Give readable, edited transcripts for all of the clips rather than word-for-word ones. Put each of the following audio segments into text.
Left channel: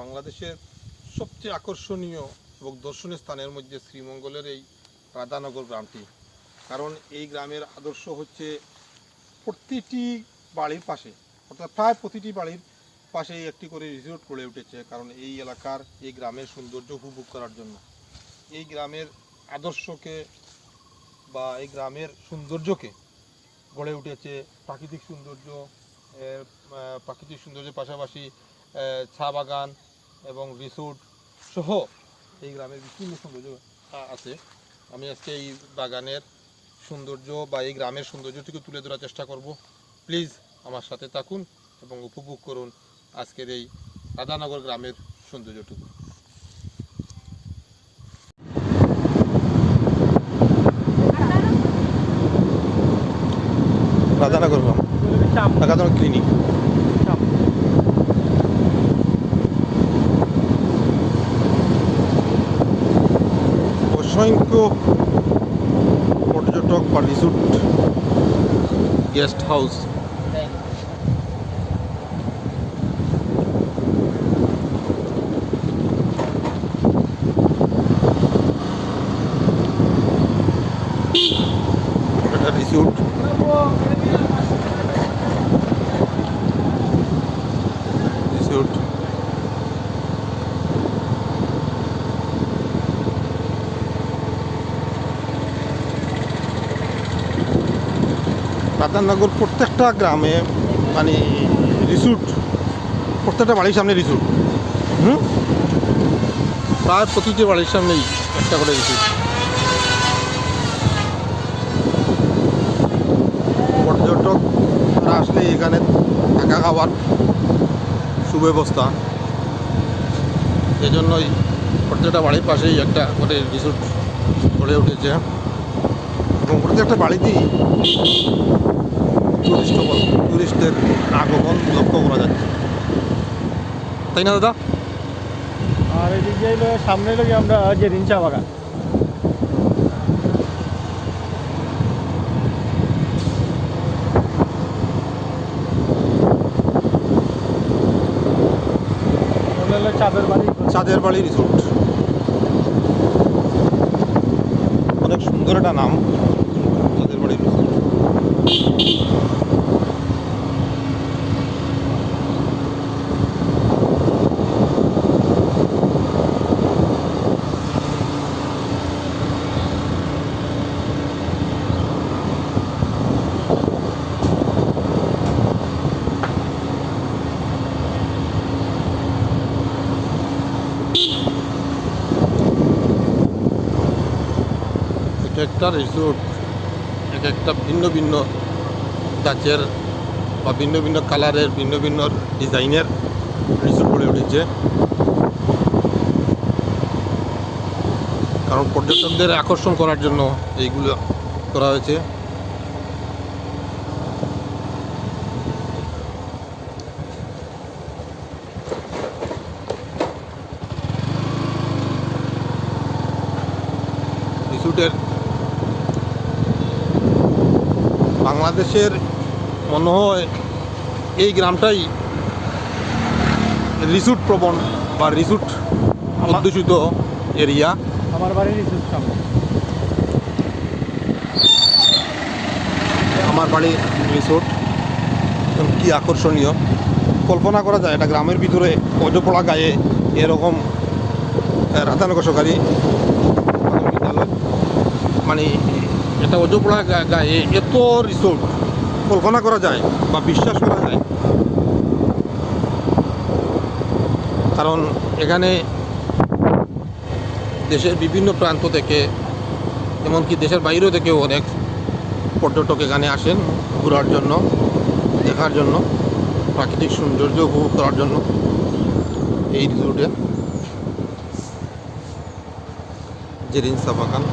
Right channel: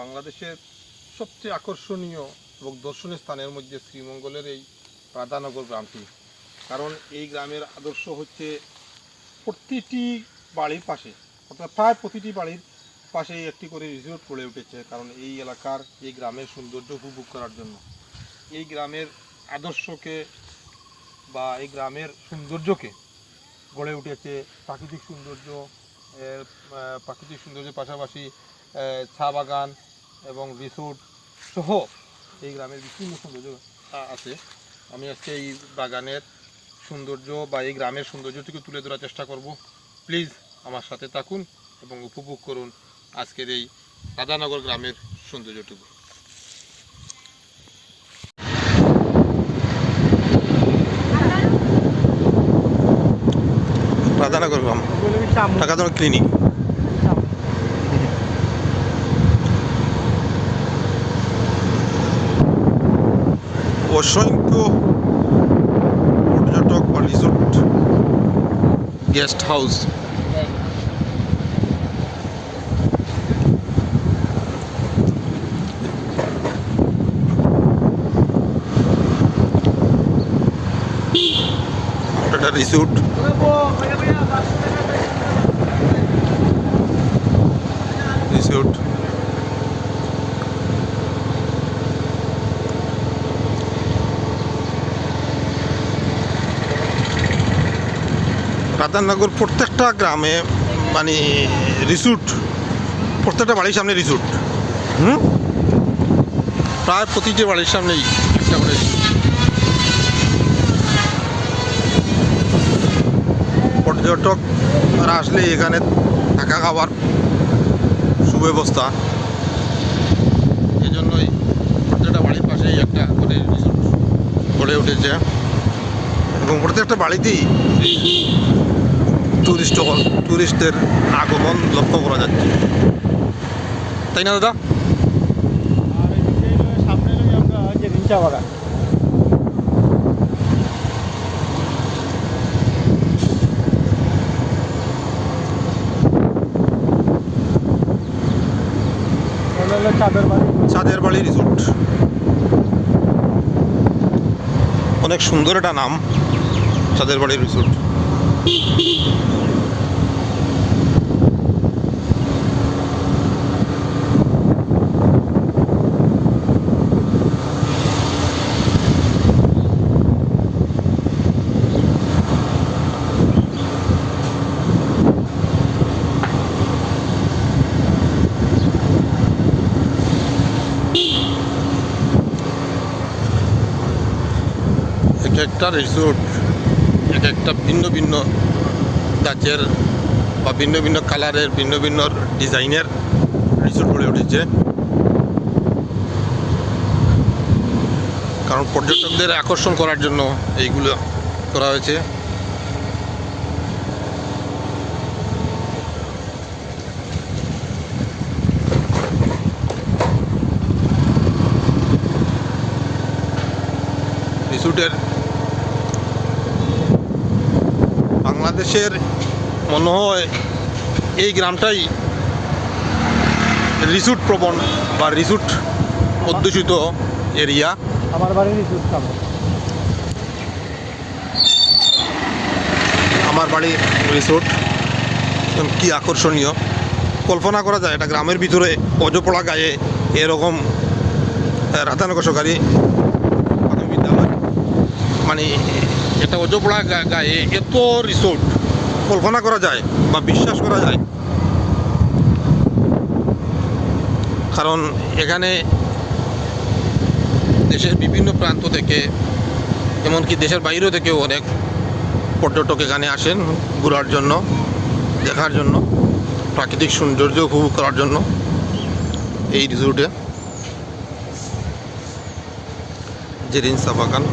বাংলাদেশের সবচেয়ে আকর্ষণীয় এবং দর্শনীয় স্থানের মধ্যে শ্রীমঙ্গলের এই রাধানগর গ্রামটি। কারণ এই গ্রামের আদর্শ হচ্ছে প্রতিটি বাড়ির পাশে, অর্থাৎ প্রায় প্রতিটি বাড়ির পাশেই একটি করে রিসোর্ট গড়ে উঠেছে। কারণ এই এলাকার এই গ্রামের সৌন্দর্য উপভোগ করার জন্য, এই গ্রামের আদর্শকে বা এই গ্রামের সৌন্দর্যকে গড়ে উঠেছে প্রাকৃতিক সৌন্দর্য। প্রাকৃতিক সৌন্দর্যের পাশাপাশি চা বাগান এবং রিসোর্ট সহ এই গ্রামের বিভিন্ন সৌন্দর্য আছে। আমি আজকে এই বাগানের সৌন্দর্য বা এই গ্রামের সৌন্দর্যটিকে তুলে ধরার চেষ্টা করব। প্লিজ আমার সাথে থাকুন এবং উপভোগ করুন আজকের এই রাধানগর গ্রামের সৌন্দর্যটুকু। রাধানগর গ্রাম, ঢাকাতন ক্লিনিক। অসংখ্য পর্যটক বা রিসোর্ট, গেস্ট হাউস, একটা রিসোর্ট, রিসোর্ট রাধানগর প্রত্যেকটা গ্রামে মানে রিসোর্ট, প্রত্যেকটা বাড়ির সামনে রিসোর্ট। প্রায় প্রতিটি বাড়ির সামনেই একটা করে রিসোর্ট। পর্যটকরা আসলে এখানে থাকা খাওয়ার সুব্যবস্থা, এই জন্যই প্রত্যেকটা বাড়ির পাশেই একটা করে রিসোর্ট গড়ে উঠেছে এবং প্রত্যেকটা বাড়িতেই টুরিস্টদের আগমন লক্ষ্য করা যাচ্ছে, তাই না দাদা? আর এদিকে সামনে আমরা যে রিঞ্চা বাগান, চাঁদের বাড়ি রিসোর্ট। অনেক সুন্দর একটা নাম, চাঁদের বাড়ি রিসোর্ট। এক একটা রিসোর্ট এক একটা ভিন্ন ভিন্ন ধাঁচের বা ভিন্ন ভিন্ন কালারের, ভিন্ন ভিন্ন ডিজাইনের রিসোর্ট গড়ে উঠেছে। কারণ পর্যটকদের আকর্ষণ করার জন্য এইগুলো করা হয়েছে। রিসোর্টের বাংলাদেশের মনে হয় এই গ্রামটাই রিসোর্ট প্রবণ বা রিসোর্ট অধ্যুষিত এরিয়া। আমার বাড়ির রিসোর্ট সামনে, আমার বাড়ি রিসোর্ট কি আকর্ষণীয়! কল্পনা করা যায় এটা গ্রামের ভিতরে অজপড়া গায়ে এরকম রাধানগর সরকারি বিদ্যালয়, মানে এটা অজপড়া গায়ে এত রিসোর্ট কল্পনা করা যায় বা বিশ্বাস করা যায়। কারণ এখানে দেশের বিভিন্ন প্রান্ত থেকে, এমনকি দেশের বাইরেও থেকেও অনেক পর্যটক এখানে আসেন ঘোরার জন্য, দেখার জন্য, প্রাকৃতিক সৌন্দর্য উপভোগ করার জন্য। এই রিসোর্টে যে রিঞ্চা বাগান,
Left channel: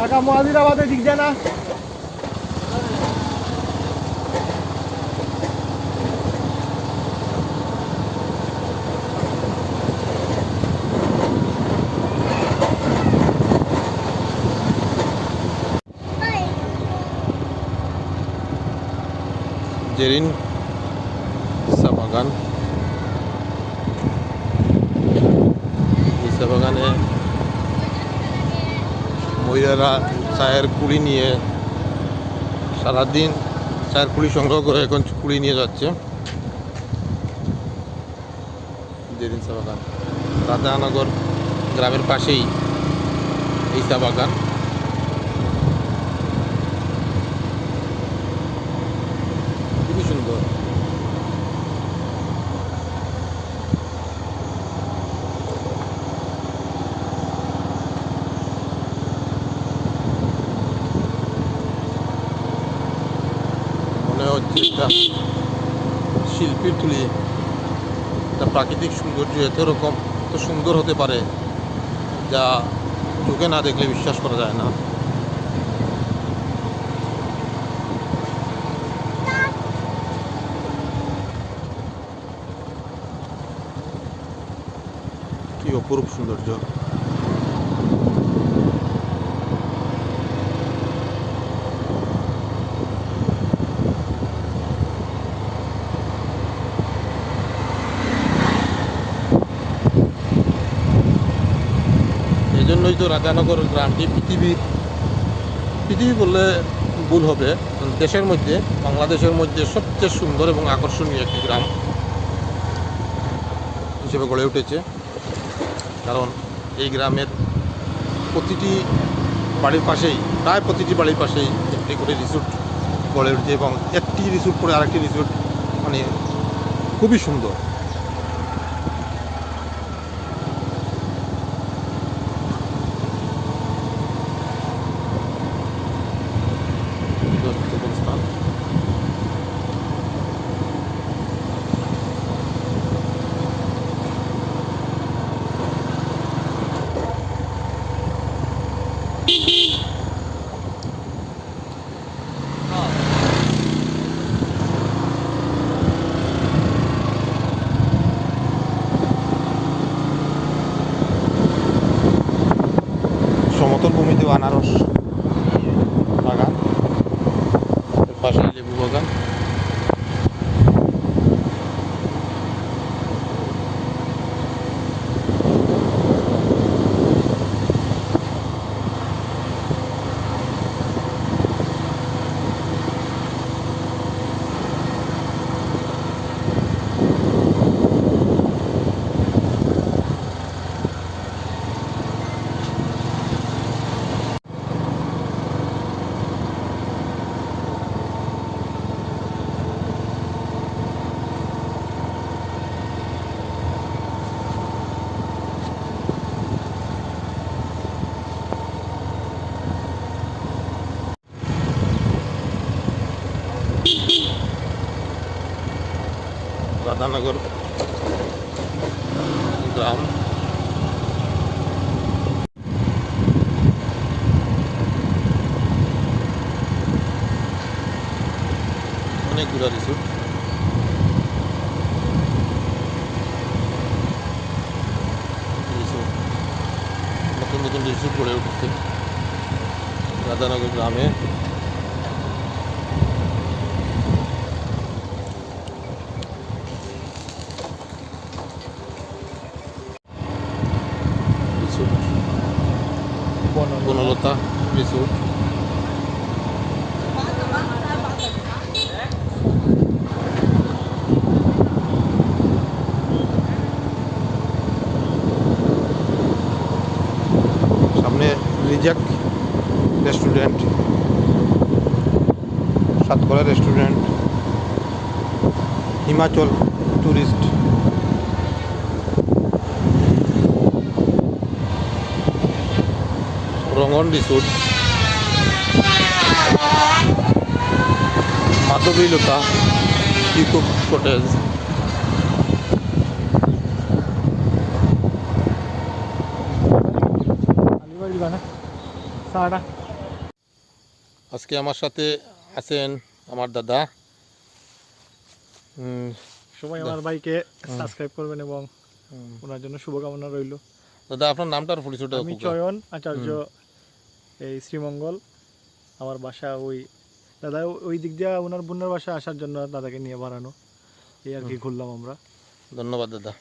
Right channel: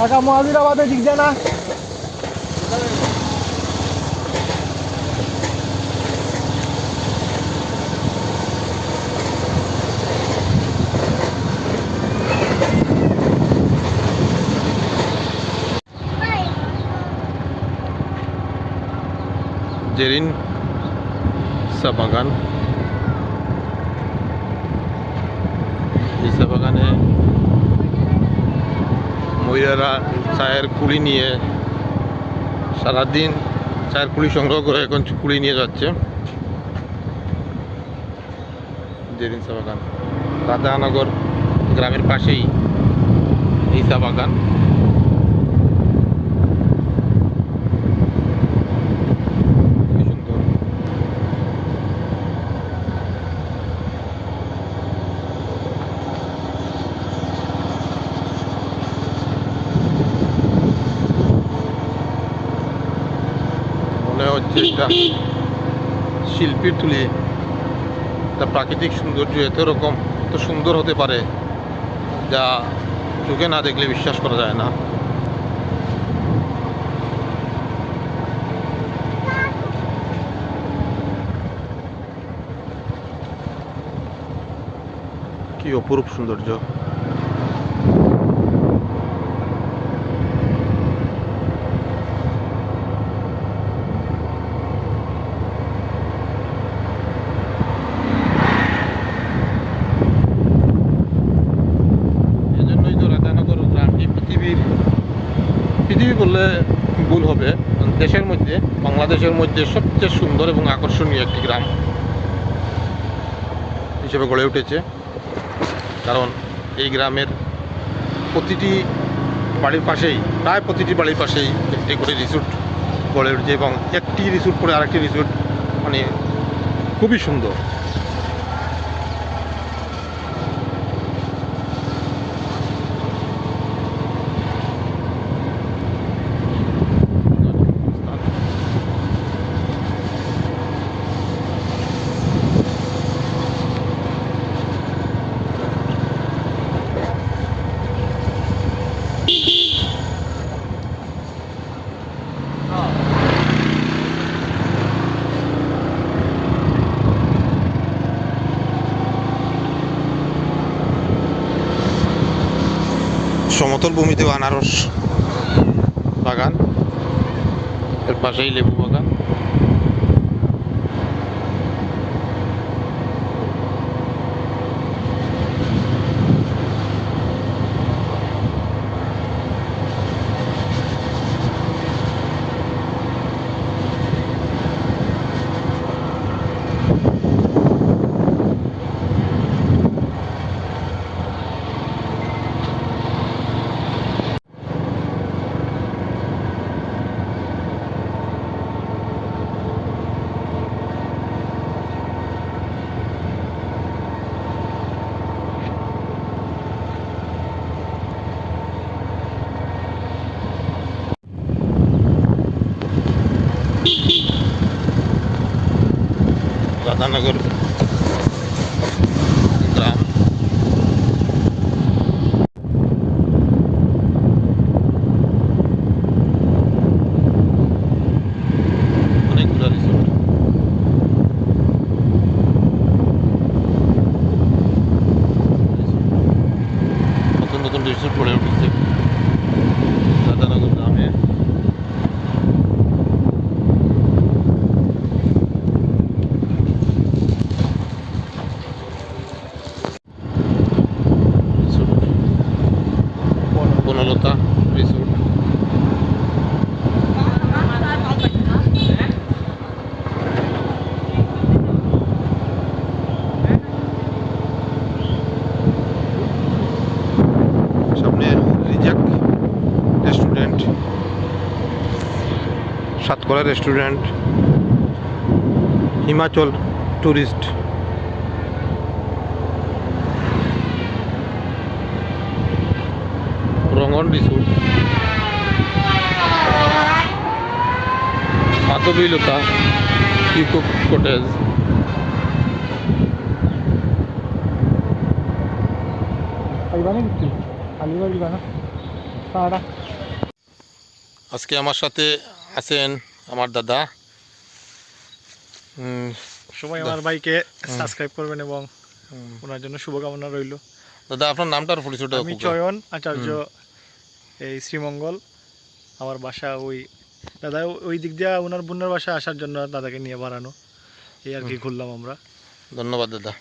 ঢাকা মহাজিরাবাদের দিক যায় না। জেরিন চা বাগান। এই চা বাগানে মহিলারা চায়ের কুড়ি নিয়ে সারাদিন চায়ের কুড়ি সংগ্রহ করে এখন কুড়ি নিয়ে যাচ্ছে। জেরিন চা বাগান রাধানগর গ্রামের পাশেই এই চা বাগান। খুবই সুন্দর। মনে হচ্ছে একটা শিল্পীর তুলি, একটা প্রাকৃতিক সৌন্দর্য এত সুন্দর হতে পারে যা চোখে না দেখলে বিশ্বাস করা যায় না। কি অপরূপ সৌন্দর্য। এই জন্যই তো রাধানগর গ্রামটি পৃথিবী বললে ভুল হবে, দেশের মধ্যে, বাংলাদেশের মধ্যে সবচেয়ে সুন্দর এবং আকর্ষণীয় একটি গ্রাম হিসেবে গড়ে উঠেছে। কারণ এই গ্রামের প্রতিটি বাড়ির পাশেই, প্রায় প্রতিটি বাড়ির পাশেই একটি করে রিসোর্ট গড়ে উঠেছে এবং একটি রিসোর্ট পরে আরেকটি রিসোর্ট, মানে খুবই সুন্দর। সমতল ভূমিতেও আনারস বাগান, এর পাশেই লেবু বাগান। রাধানগর গ্রাম। অনেকগুলো রিসোর্ট, নতুন নতুন রিসোর্ট গড়ে উঠেছে রাধানগর গ্রামে। বনলতা রিসোর্ট। সামনে রিজাক restaurant, Satkara restaurant, Himachal tourist, Rangan resort, Madhabilata peacock cottage. আজকে আমার সাথে আছেন আমার দাদা। সবাই আমার ভাইকে সাবস্ক্রাইব করবেন এবং ওনার জন্য শুভকামনা রইল। দাদা আপনার নামটা আর পরিচয়টা? আমি চয়ন আচার্য, এই শ্রীমঙ্গল। আমার বাসা ওই দাদা ওই দিক দিয়ে ওনার বোনের বাসায় আসার জন্য দাদাকে নিয়ে বাড়ানো, এই আর কি ঘুরলাম আমরা। ধন্যবাদ দাদা।